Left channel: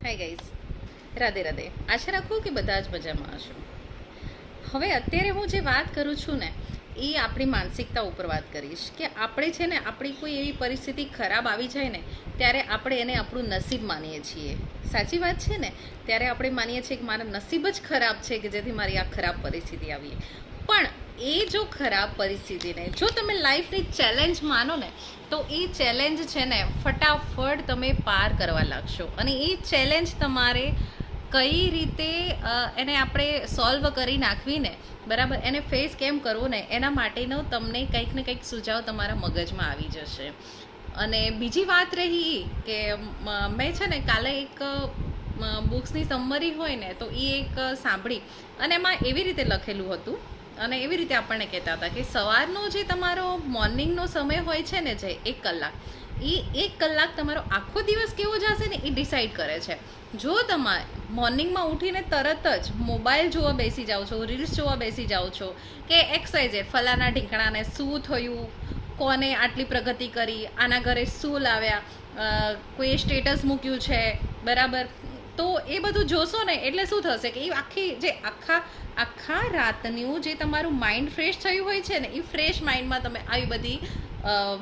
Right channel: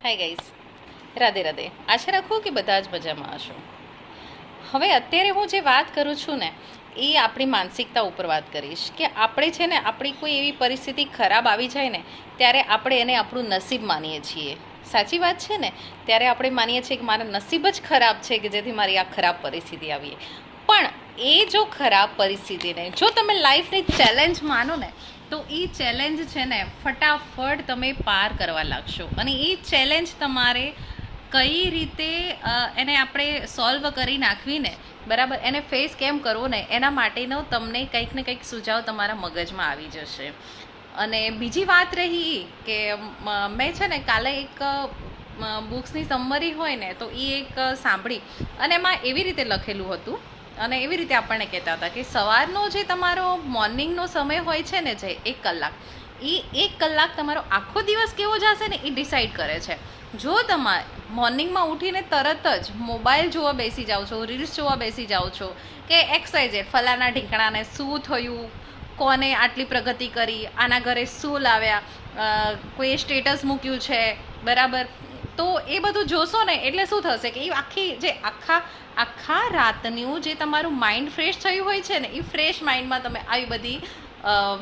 હાય guys, Radhe Radhe. આશા રાખું કે બધા જ મજામાં હશો. હવે અત્યારે હું જે વાત કરું છું ને એ આપણી માનસિકતા ઉપર વાત કરીશ કે આપણે છે ને આપણી કોઈ એવી પરિસ્થિતિ ખરાબ આવી જાય ને ત્યારે આપણે એને આપણું નસીબ માનીએ છીએ. સાચી વાત છે ને? ત્યારે આપણે માનીએ છીએ કે મારા નસીબ જ ખરાબ છે કે જેથી મારી આ ખરાબ પરિસ્થિતિ આવી. પણ એ જો ખરાબ પરિસ્થિતિને જો તમે લાઈફની ચેલેન્જ માનો ને તો એ ચેલેન્જ છે ને ફટાફટ તમે પાર કરવા લાગશો. અને એ ચેલેન્જ તમારે કઈ રીતે એને આપણે સોલ્વ કરી નાખવીને બરાબર એને ફેસ કેમ કરવો ને એના માટેનો તમને કંઈક ને કંઈક સુઝાવ તમારા મગજમાં આવી જશે. અને બીજી વાત રહી કે મેં છે ને કાલે એક બુક્સની સમરી હોય ને તો એ એક સાંભળી અને એમાં એવી રીતે લખેલું હતું અને એવી રીતે આપણને કહેતા હતા કે સવારનો જે તમારો મોર્નિંગનો સમય હોય છે ને જે 1 કલાક, એ 1 કલાક તમારો આખો દિવસ કેવો જશે ને એ ડિસાઈડ કરે છે. જો તમારે મોર્નિંગમાં ઉઠીને તરત જ મોબાઈલ જોવા બેસી જાઓ છો, રીલ્સ જોવા બેસી જાઓ છો કે XYZ ફલાના ઢીંકણાને શું થયું, કોને આટલી પ્રગતિ કરી, આના ઘરે શું લાવ્યા, કોઈ સ્ટેટસ મૂક્યું છે બરાબર, તો એ બધું જોશો ને એટલે શું થશે કે એ આખી જે આખા રાતનું જે તમારું માઇન્ડ ફ્રેશ થયું હોય છે ને એ ફ્રેશ માઇન્ડમાં તમે આવી બધી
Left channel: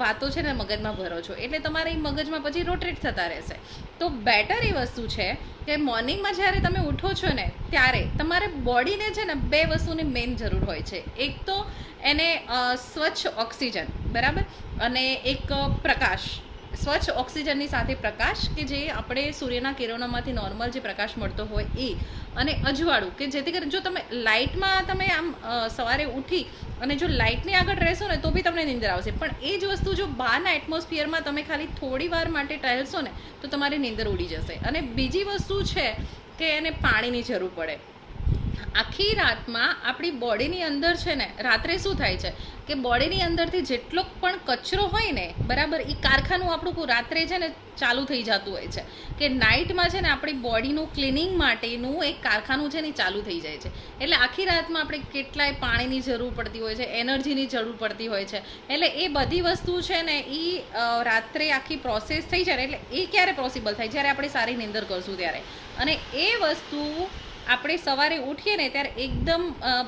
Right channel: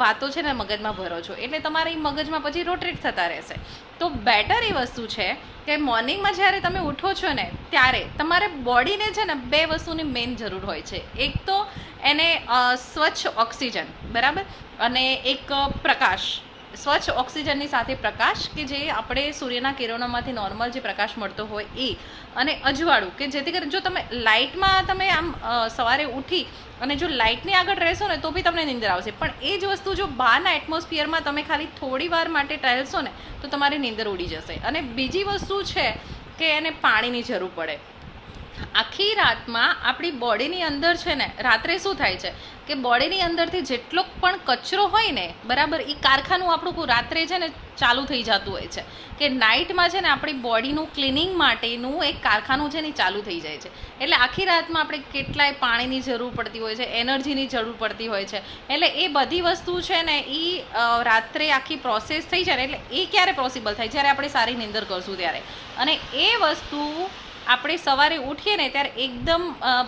વાતો છે ને મગજમાં ભરો છો એટલે તમારે એ મગજમાં પછી રોટેટ થતા રહેશે. તો બેટર એ વસ્તુ છે કે મોર્નિંગમાં જ્યારે તમે ઉઠો છો ને ત્યારે તમારે બોડીને છે ને 2 વસ્તુની મેઇન જરૂર હોય છે. એક તો એને સ્વચ્છ ઓક્સિજન બરાબર, અને એક પ્રકાશ. સ્વચ્છ ઓક્સિજનની સાથે પ્રકાશ કે જે આપણે સૂર્યના કિરણોમાંથી નોર્મલ જે પ્રકાશ મળતો હોય એ, અને અજવાળું કે જેથી કરીને જો તમે લાઇટમાં તમે આમ સવારે ઉઠી અને જો લાઇટની આગળ રહેશો ને તો બી તમને નીંદર આવશે, પણ એ જ વસ્તુ જો બહારના એટમોસ્ફિયરમાં તમે ખાલી થોડી વાર માટે ટહેલશો ને તો તમારી નીંદર ઉડી જશે. અને બીજી વસ્તુ છે કે એને પાણીની જરૂર પડે. આખી રાતમાં આપણી બોડીની અંદર છે ને રાત્રે શું થાય છે કે બોડીની અંદરથી જેટલો પણ કચરો હોય ને બરાબર એ કારખાનું આપણું રાત્રે છે ને ચાલુ થઈ જતું હોય છે કે નાઇટમાં છે ને આપણી બોડીનું ક્લિનિંગ માટેનું એક કારખાનું છે ને ચાલુ થઈ જાય છે. એટલે આખી રાતમાં આપણે કેટલાય પાણીની જરૂર પડતી હોય છે, એનર્જીની જરૂર પડતી હોય છે. એટલે એ બધી વસ્તુ છે ને એ રાત્રે આખી પ્રોસેસ થઈ જાય એટલે એ ક્યારે પોસિબલ થાય જ્યારે આપણે સારી નીંદર કરશું ત્યારે. અને એ વસ્તુ આપણે સવારે ઉઠીએ ને ત્યારે એકદમ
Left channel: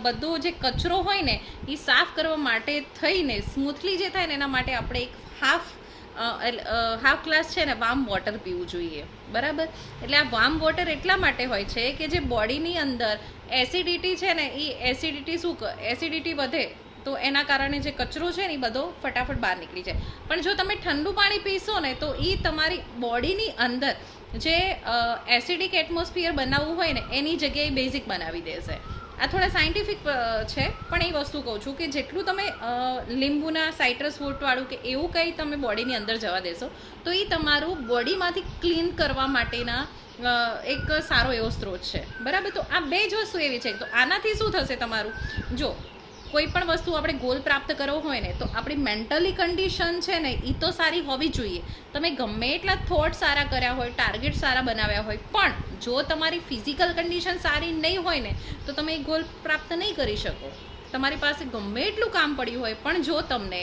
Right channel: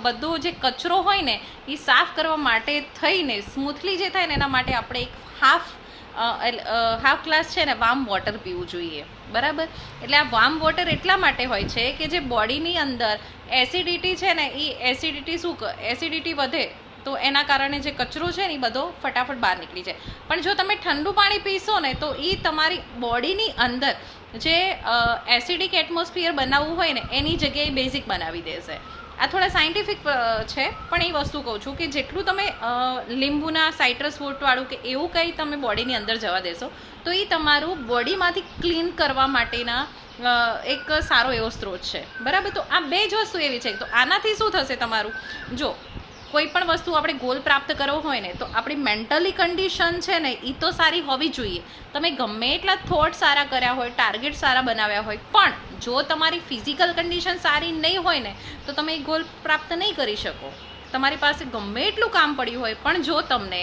બધો જે કચરો હોય ને એ સાફ કરવા માટે થઈને સ્મૂથલી જે થાય ને એના માટે આપણે એક હાફ ગ્લાસ છે ને વાર્મ વોટર પીવું જોઈએ બરાબર. એટલે આ વાર્મ વોટર એટલા માટે હોય છે કે જે બોડીની અંદર એસિડિટી છે ને એ એસિડિટી વધે તો એના કારણે જે કચરો છે ને એ બધો ફટાફટ બહાર નીકળી જાય. પણ જો તમે ઠંડુ પાણી પીશો ને તો એ તમારી બોડીની અંદર જે એસિડિક એટમોસ્ફિયર બનાવવું હોય ને એની જગ્યાએ બેઝિક બનાવી દેશે. આ થોડા સાયન્ટિફિક છે પણ એ વસ્તુ કહું છું કે જેટલું તમે લીંબુના સાઇટ્રસ ફ્રૂટવાળું કે એવું કંઈ તમે બોડીની અંદર જવા દેશો તો એ તમારું બોડીમાંથી ક્લીન કરવા માટેના એક સારો એવો સ્ત્રોત છે બરાબર. તો આ 2 જ વસ્તુ એવી છે. તો આનાથી શું થશે તમારું, જો કોઈ પણ વસ્તુ આપણે ગોલ પ્રાપ્ત કરવો હોય ને તો આપણી મેન્ટલી કન્ડિશન છે ને એ તો સારી હોવી જોઈએ. તમે ગમે એટલા થોટ સારા કર્યા હોય, ટાર્ગેટ સારા બનાવ્યા હોય, પણ જો તમારી ફિઝિકલ કન્ડિશન સારી નહીં હોય ને તો તમે એ ગોલ પ્રાપ્ત નહીં કરી શકો. તમારી પાસે ગમે એટલું કામ પડ્યું હોય પણ જો તમને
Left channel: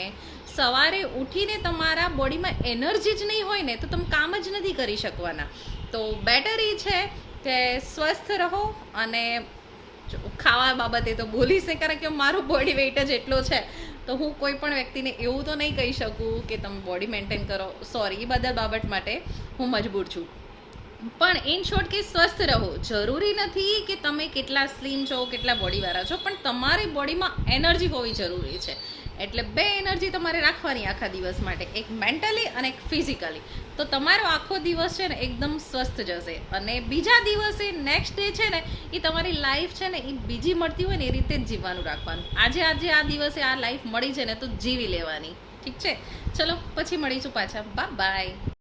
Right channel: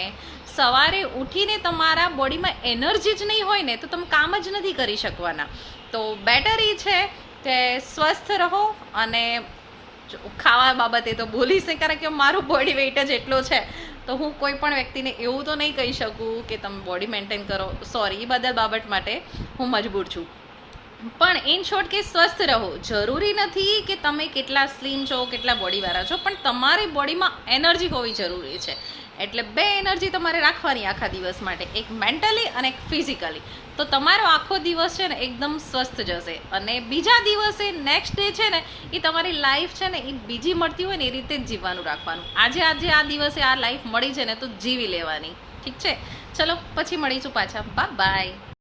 સવારે ઉઠીને તમારા બોડીમાં એનર્જી જ નહીં હોય ને તો તમે કામ જ નથી કરી શકવાના. તો બેટર એ છે કે સ્વસ્થ રહો. અને ખાવા બાબતે તો બોલીશ નહીં કારણ કે મારું બોડી વેઇટ જ એટલો છે તો હું કોઈ પણ વ્યક્તિને એવું તો નહીં કહી શકું કે તમે બોડી મેન્ટેન કરો. સોરી, એ બધા બાબત માટે હું મજબૂર છું. પણ ઇન શોર્ટ કે સ્વસ્થ રહો. જરૂરી નથી કે તમે કેટલા સ્લિમ છો, કેટલા બોડીવાળા છો, પણ તમારી બોડીમાં એનર્જી હોવી જરૂરી છે. એટલે 2 એનર્જી તમારે રાખવાની આખા દિવસ માટે, એક મેન્ટલી અને એક ફિઝિકલી. તો તમારો આખો દિવસ છે ને એકદમ સ્વસ્થ જશે. અને બીજા દિવસે નેક્સ્ટ ડે છે ને એ તમારી લાઈફ છે ને એ બીજી મળતી હોય ને એ રીતે જ જીવવાનું રાખવાનું. આજે આ દિવસે આ લાઈફ મળી છે ને તો જીવી લેવાની. ઠીક છે? ચલો પછી મળીશું પાછા. બાય.